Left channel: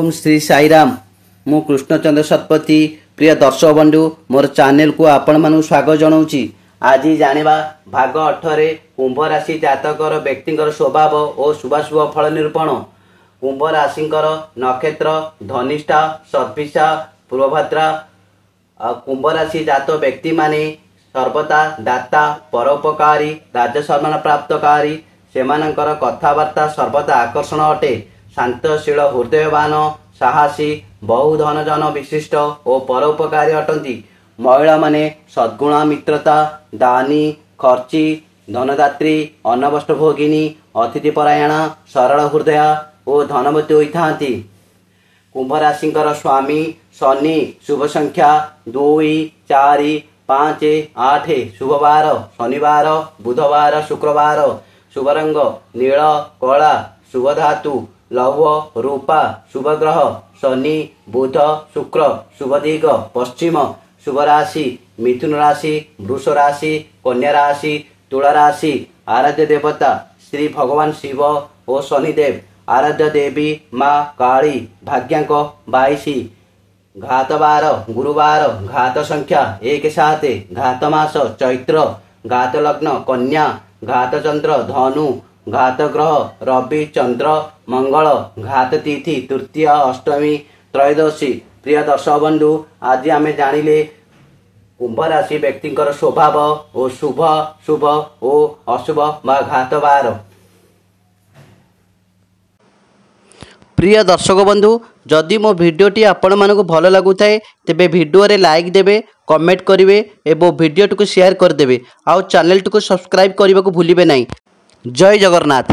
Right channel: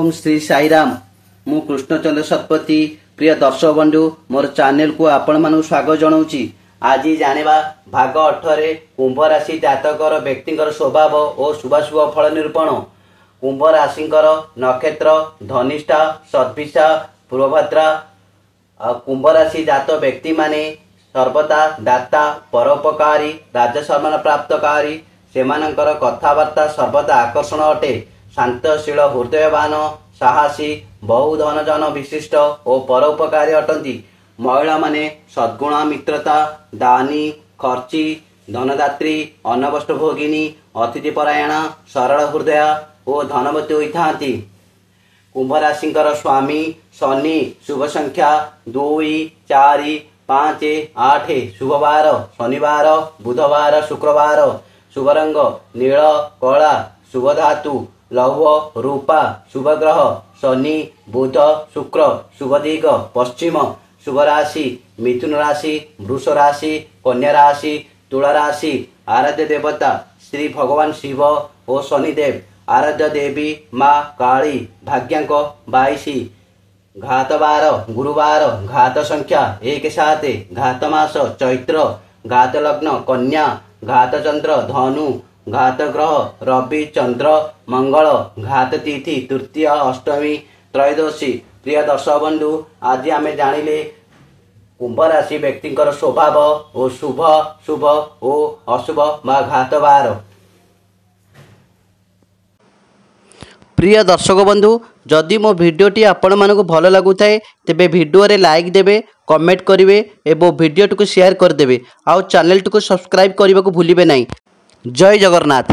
ओम श्री साईराम। मु कृष्णचंद्र शतपथी। प्रिय दर्शक बंधु मोर चैनल को आपण मानु स्वागत जनाऊँगी। आज जानिबा भाग 8 कुंभ राशि जातकर व्यक्तिंकर स्वभाव और शुभाशुभ फल निरूपण। कुंभ राशिंकर नक्षत्र धनिष्ठा, सद्भिषा, पूर्वभद्रा। कुंभ राशि जात व्यक्ति माने सर्वदा दाता, परोपकारी, राज्य सम्मान प्राप्तकारी। सेमानंकर कथाबार्ता सर्वदा आकर्षण अटे। शांतशील, हृदयवान, साहसी, बहु धन जन विशिष्ट और परोपकारी अटंती। महिला माने सद्गुण, मित्रता, दानी, खर्ची, धनदात्री, अन्नवस्त्र भोगिनी, अतिथिपरायण, सरल हृदय और धनवती होइथांती। कुंभ राशिंकर स्वामी शनि। शुभ संख्या 2, 4, 5, 8। शुभ वार शनिवार, बुधवार, शुक्रवार। शुभ रंग नील, कला। शुभ धातु लौह, रूपा। शुभ ग्रह शनि, बुध, शुक्र। शुभ दिग पश्चिम। शुभ राशि मिथुन राशि, वृष राशि, कन्या राशि, तुला राशि। आराध्य देवता श्री भगवान शिव और शनिदेव। आराध्य देवी माँ काली। भाग्यांक 22। घात बार गुरुवार। घात संख्या 1, 7। घात मास चैत्र। घात लग्न कन्या। घात चंद्र धनु। घात ग्रह रवि, चंद्र, मंगल। घात तिथि तृतीय, अष्टमी, त्रयोदशी। प्रिय दर्शक बंधु आज आमे जानिले कुंभ राशि व्यक्तिंकर स्वभाव और शुभ शुभ और अशुभ बा घात बार। प्रिय दर्शक बंधु जदि मो भिडियोटी आपण मानक भल लगुଥାଏ तेबे भिडियो रे लाइक देबे, कमेंट करिवे एवं भिडियोटी को शेयर कर देबे। आउ चैनल को सब्सक्राइब करने को भूलिबे नहीं। जय जगन्नाथ।